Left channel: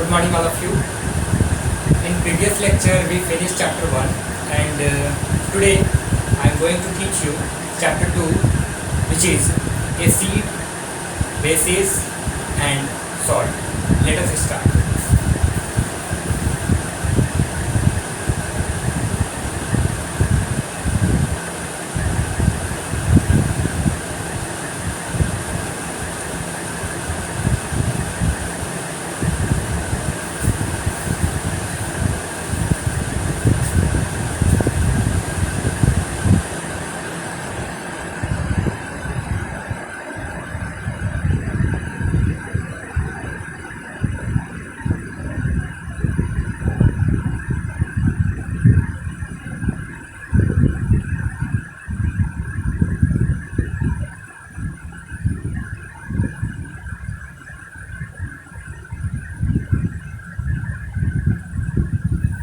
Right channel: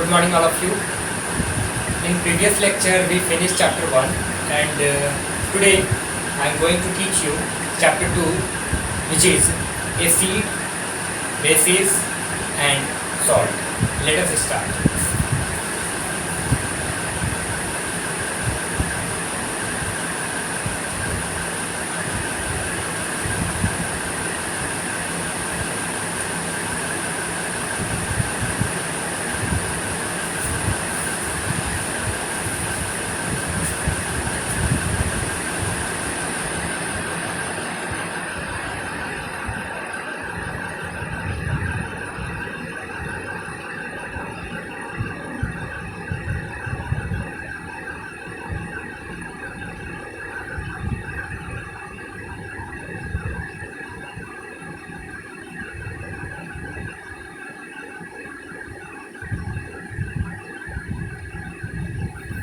Good morning all of you. In previous lecture we finished chapter 1 and today I am going to teach you chapter 2, which is acid, bases and salt. Let us start.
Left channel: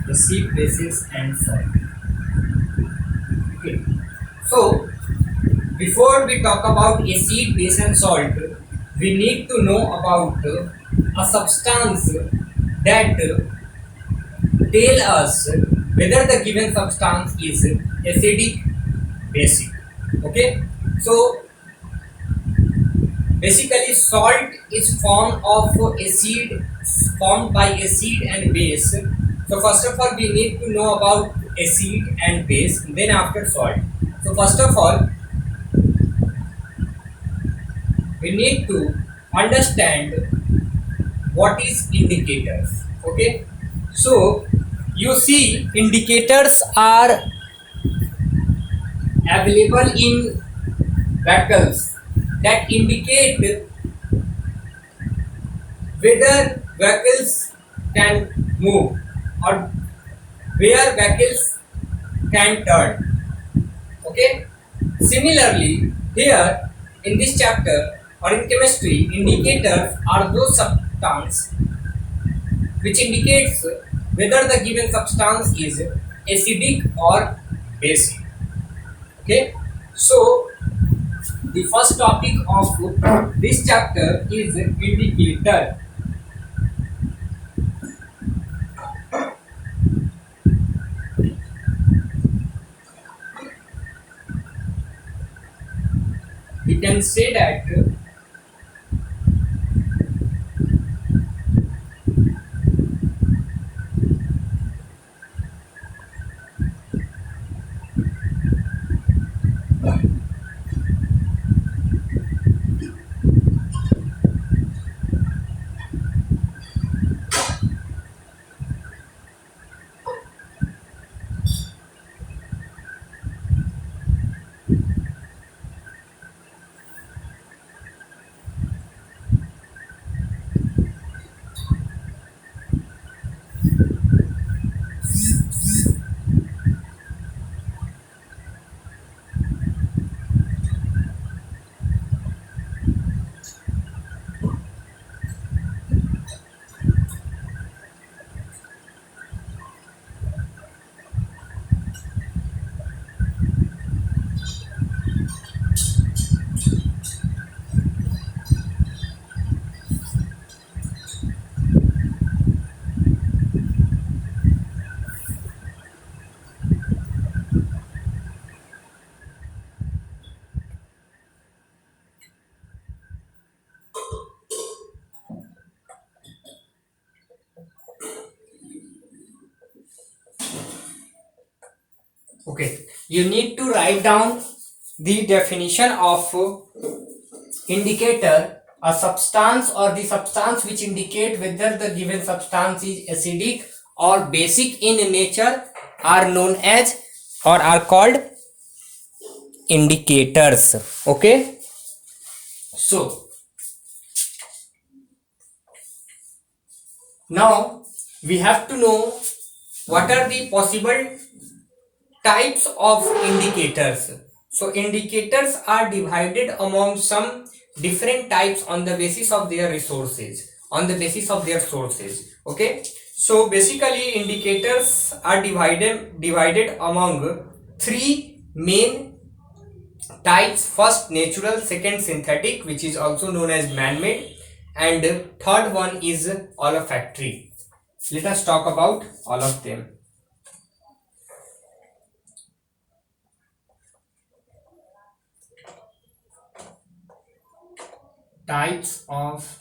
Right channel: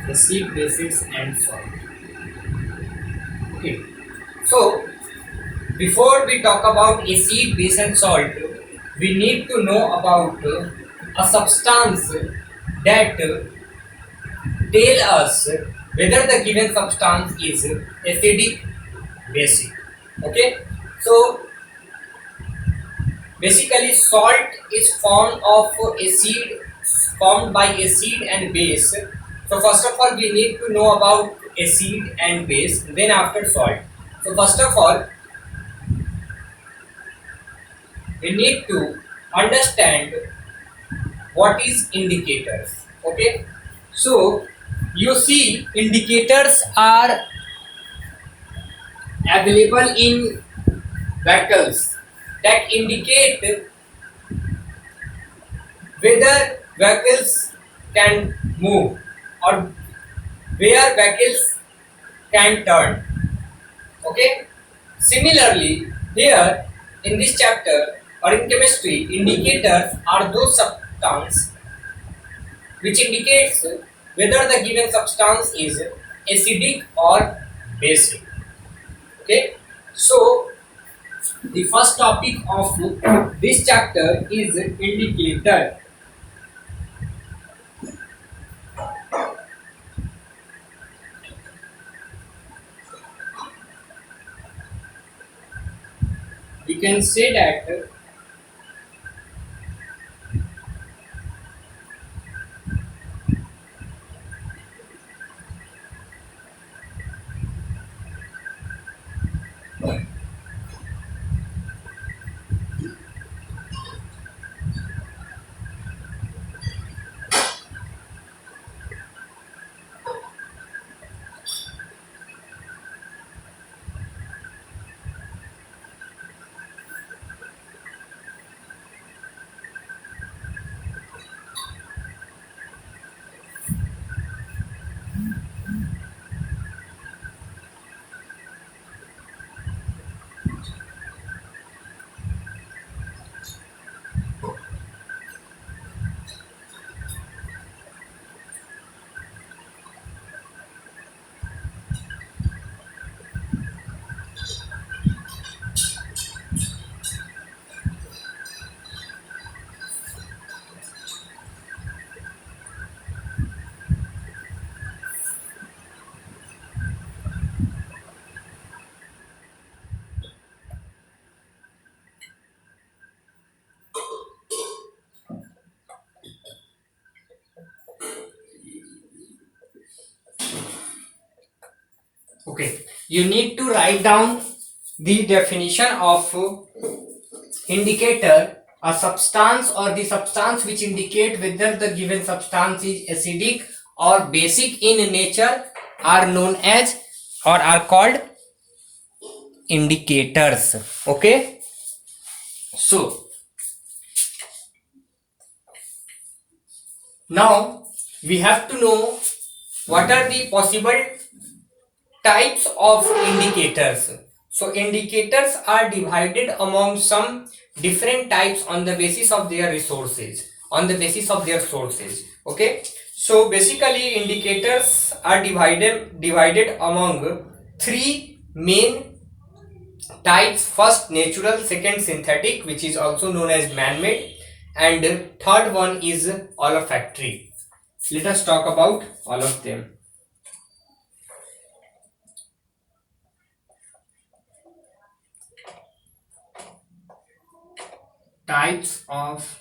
Acid, bases and salt. Okay. So before we talk about acid, base and salt, we need to know about a substance that tell us whether the given substance is acidic, basic. Okay. So basically salt is formed by acid and base. So first of all we need to know about acid and base, then after salt. So first of all we need to understand what is indicators. Okay, so you see indicators are available in vehicles that indicate whether vehicles can move or where vehicles can turn. Okay, similarly here in this chapter or in chemistry, indicators are those substances which indicates whether the given substance is acidic or basic. Okay, so the first topic of this chapter is indicator. We can say that okay, you need to write down the definition of indicator. A substance or the substance which indicate whether the given substance is acidic or basic in nature are known as or are called indicators. Okay, so now we have to know what are the possible types of indicators. So indicators are divided among some different types on the basis of their resources, on the basis of their sources. Okay, so basically indicators are divided among three main types. First natural, second synthetic, which is also known as man-made, and third one is olfactory. Let us talk about all of them. Types of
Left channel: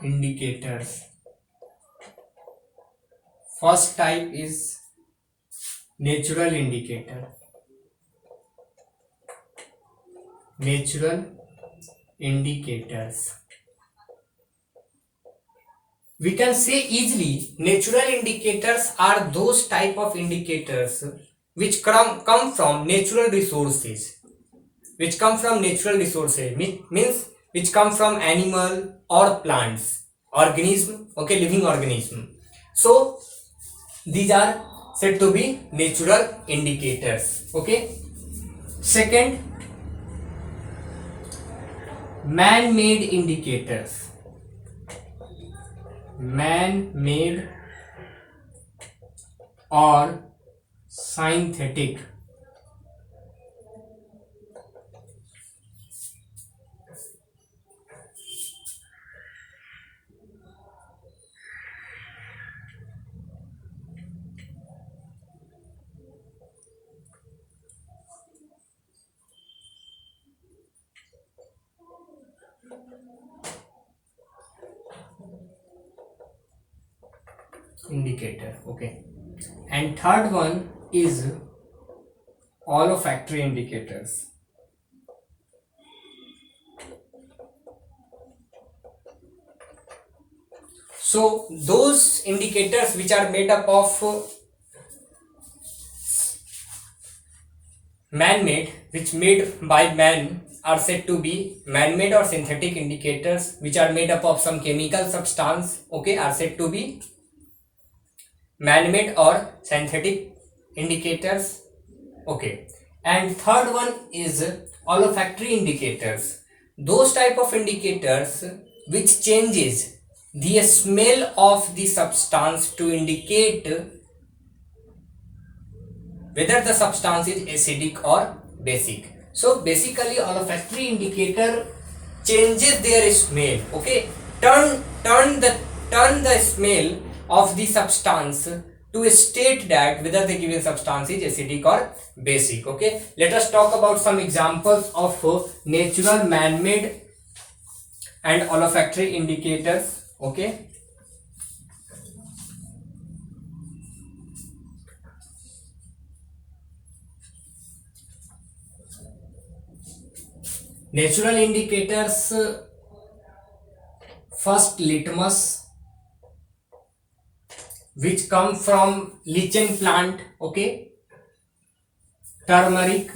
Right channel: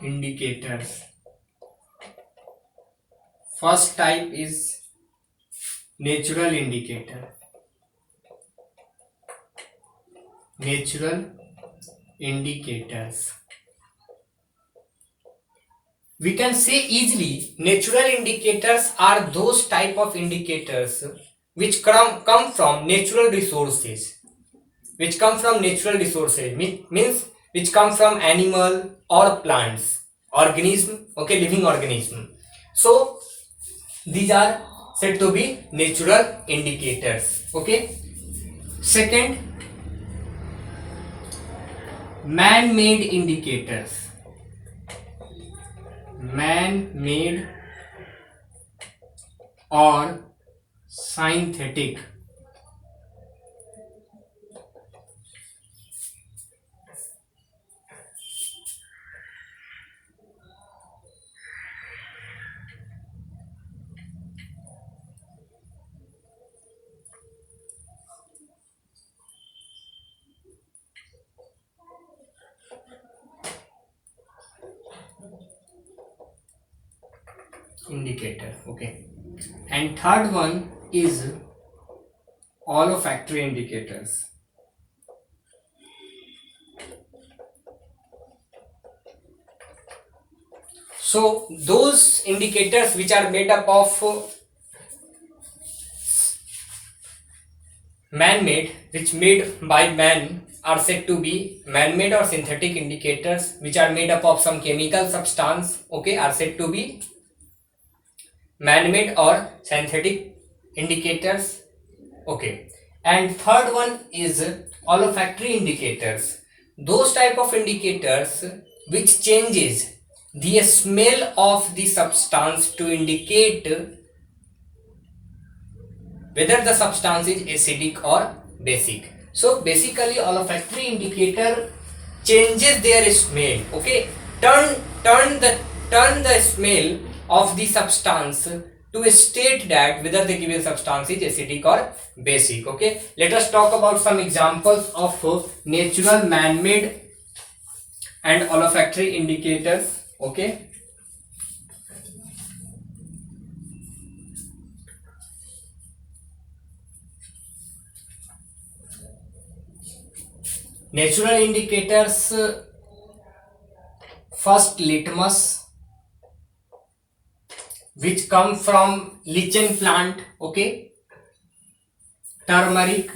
indicators. First type is natural indicator. Natural indicators. We can say easily natural indicators are those type of indicators which come from natural resources. Which come from natural resources means which come from animal or plants, organism, okay, living organism. So these are said to be natural indicators. Okay. Second, man-made indicators. Man-made or synthetic indicator. Okay. And third one is olfactory indicators. So those indicators which are made up of man-made, which made by man, are said to be man-made or synthetic indicators, which are made up of some chemical substance, okay, are said to be man-made or synthetic indicators. Okay. And third one is olfactory indicators. Those type of indicators which changes the smell of the substance to indicate whether the substance is acidic or basic. So basically olfactory indicator changes their smell. Okay, turn the smell of the substance to state that whether the given substance is acidic or basic. Okay, let us talk about some examples of natural, man-made and olfactory indicators. Okay. Natural indicators, first litmus, which come from lichen plant. Okay. Turmeric,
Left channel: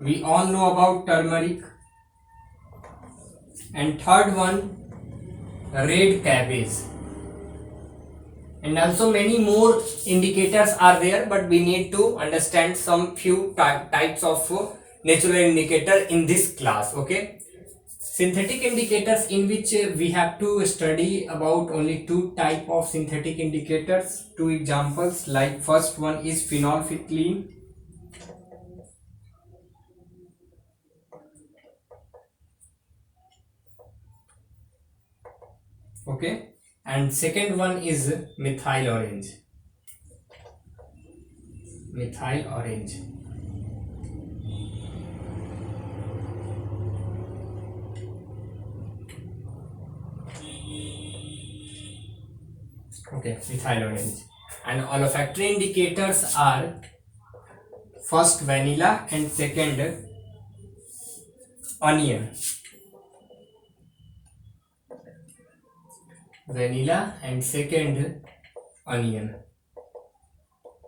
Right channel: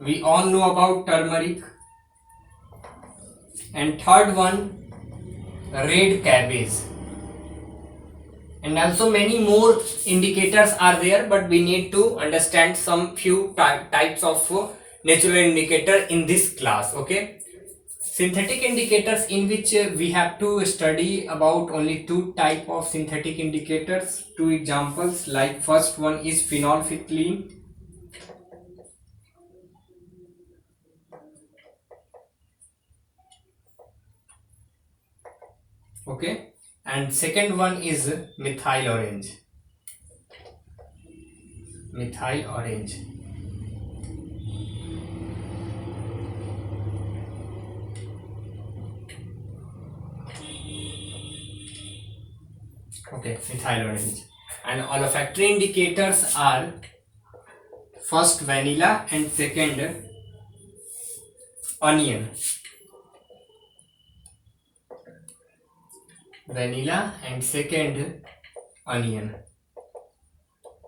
we all know about turmeric. And third one, red cabbage. And also many more indicators are there, but we need to understand some few types of natural indicator in this class. Okay. Synthetic indicators, in which we have to study about only two type of synthetic indicators. Two examples, like first one is phenolphthalein. Okay. And second one is methyl orange. Methyl orange. Okay, methyl orange. And olfactory indicators are first vanilla and second onion. Vanilla and second onion.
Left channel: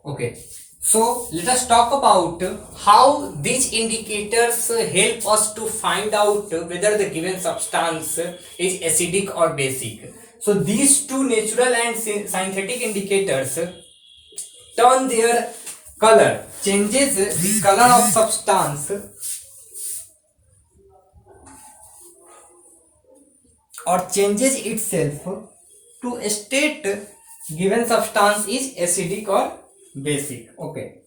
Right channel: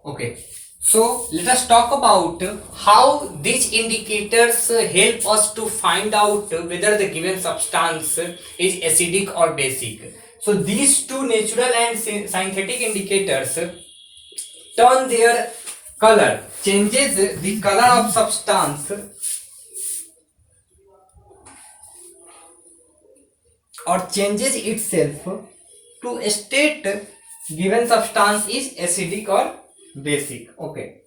Okay, so let us talk about how these indicators help us to find out whether the given substance is acidic or basic. So these two natural and synthetic indicators turn their color, changes the color of substance or changes itself to state given substance is acidic or basic. Okay,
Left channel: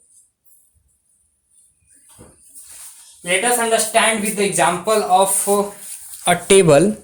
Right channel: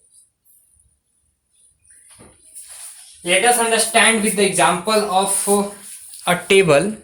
let us understand with the example of a table.